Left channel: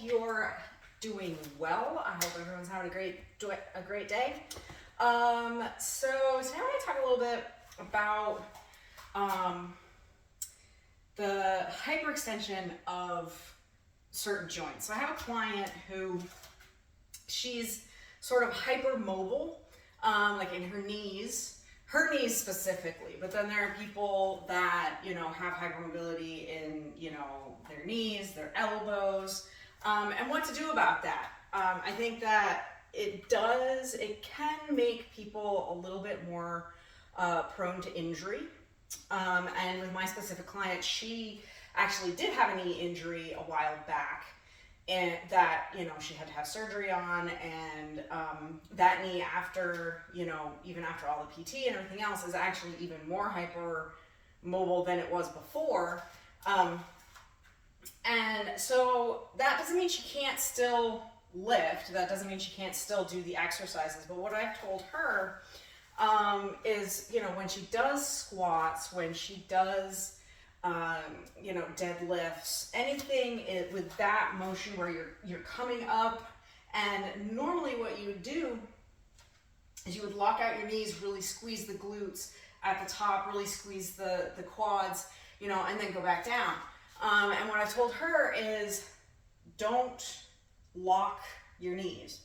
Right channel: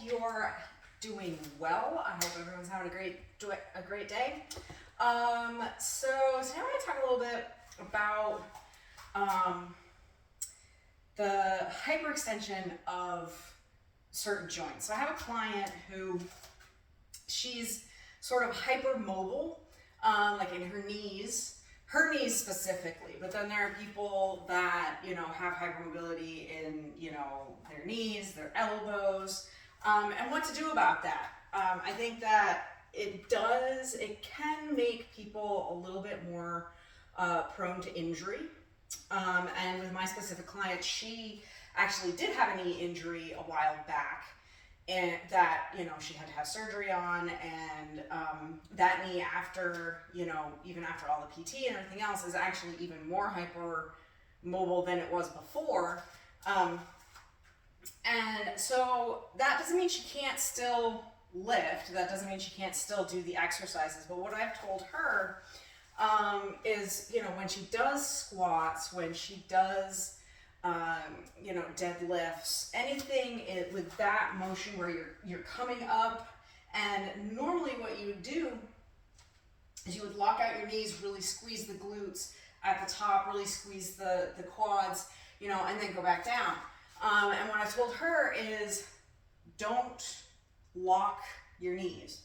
you're doing well. I hope everyone's having a great day. So today I'm going to talk a little bit about the hyperextension of certain joints. So I have a client who she's sort of hypermobile, like in her knees specifically, but then there are people that, have hypermobility in, their knees, their elbows, and what to do about that. I think that it can make people a little bit more prone to injury. And with my specific client, she actually did have a knee injury a while back, and that, she had to have surgery on, and that knee after, even after all the PT and everything else, is actually even more hyper mobile than it was before. And so that doesn't mean she can't still lift, that doesn't mean she can't still do the exercises, but what I've told her is, when she does squats, when she does deadlifts, anything with that motion where you're coming up, and normally what you would do is you would lock out your knees, really squeeze the glutes at the top, really squeeze the quads, and then go back down. And what I've told her is, don't lock your knees.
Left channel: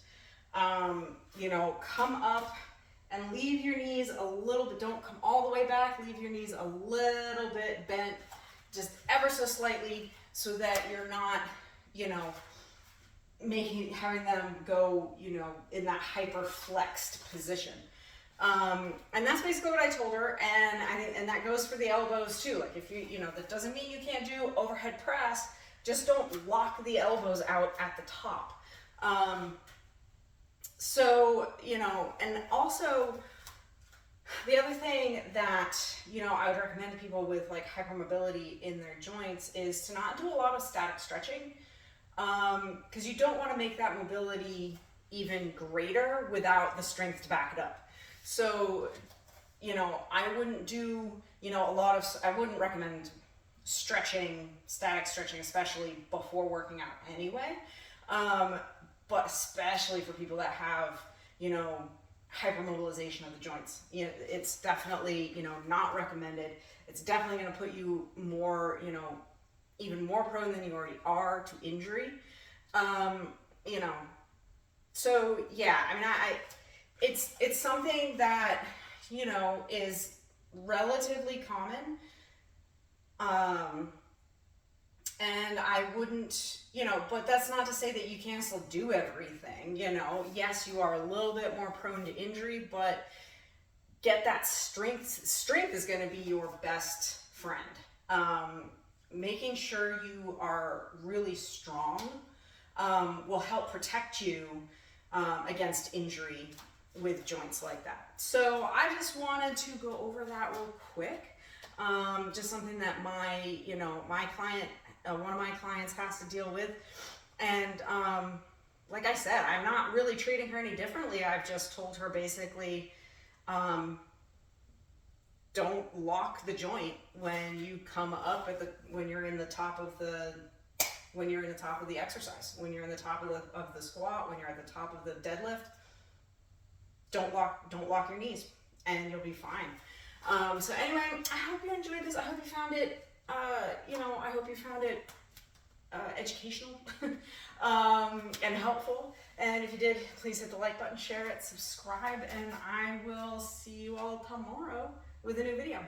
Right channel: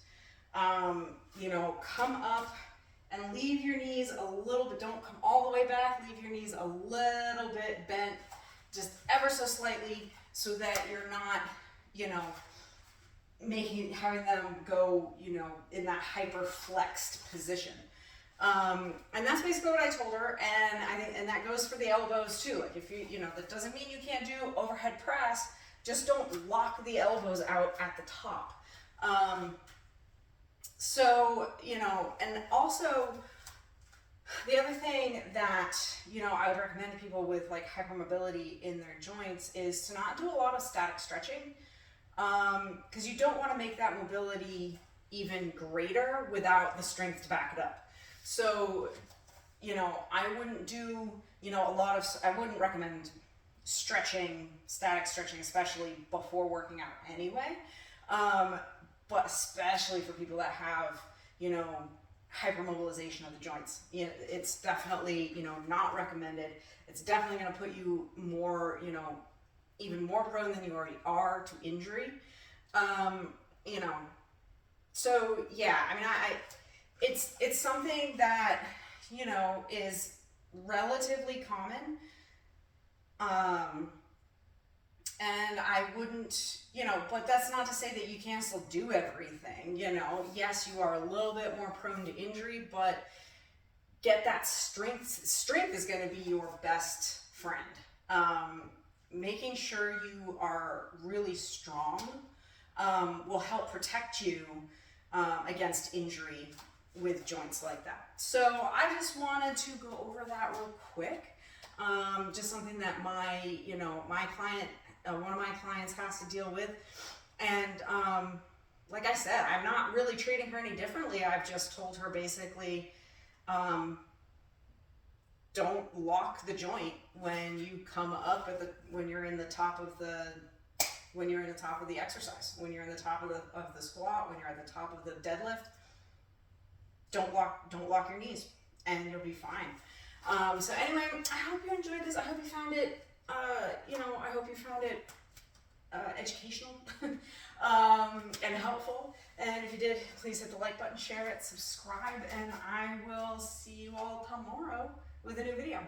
Come up and leave your knees a little bit. Don't come all the way back. Leave your knees a little bit bent, just ever so slightly, so that you're not, having them go, in that hyper flexed position. And that's basically what I told her. And that goes for the elbows too. Like if that doesn't mean you can't do overhead press. Just don't lock the elbows out at the top. And also the other thing that, I would recommend to people with like hypermobility in their joints is to not do a lot of static stretching, because you don't want to make that mobility even greater without the strength to back it up. So, I wouldn't do, I wouldn't recommend stretching, static stretching, especially before working out anyway. But especially for people that have, hypermobilization of the joints, it's definitely, not recommended. It's definitely going to put you more, even more prone than you already are to injury. So yeah, it's something that, is relatively common. And I wouldn't, but that's not to say that you can't still do everything, Yes, you are a little bit more prone to injury, but get that strength. Strength is going to be your best friend. Making sure you are really strong will help protect you against injury with joints like that. So I just wanted to go over that real quick. Just something that my client, one of my clients has to deal with. And like I said, I'm not really treating her any differently. I've just told her basically, don't lock the joint when you come up when you're in the top of the exercise, when you're in the top of the squat, when you're at the top of the deadlift. Don't lock your knees, and you'll be fine. So anyway, I hope you enjoyed this. I hope you found it, educational and helpful. And if you did, please hit the like button, share it, subscribe, and I will see you all tomorrow with a new video.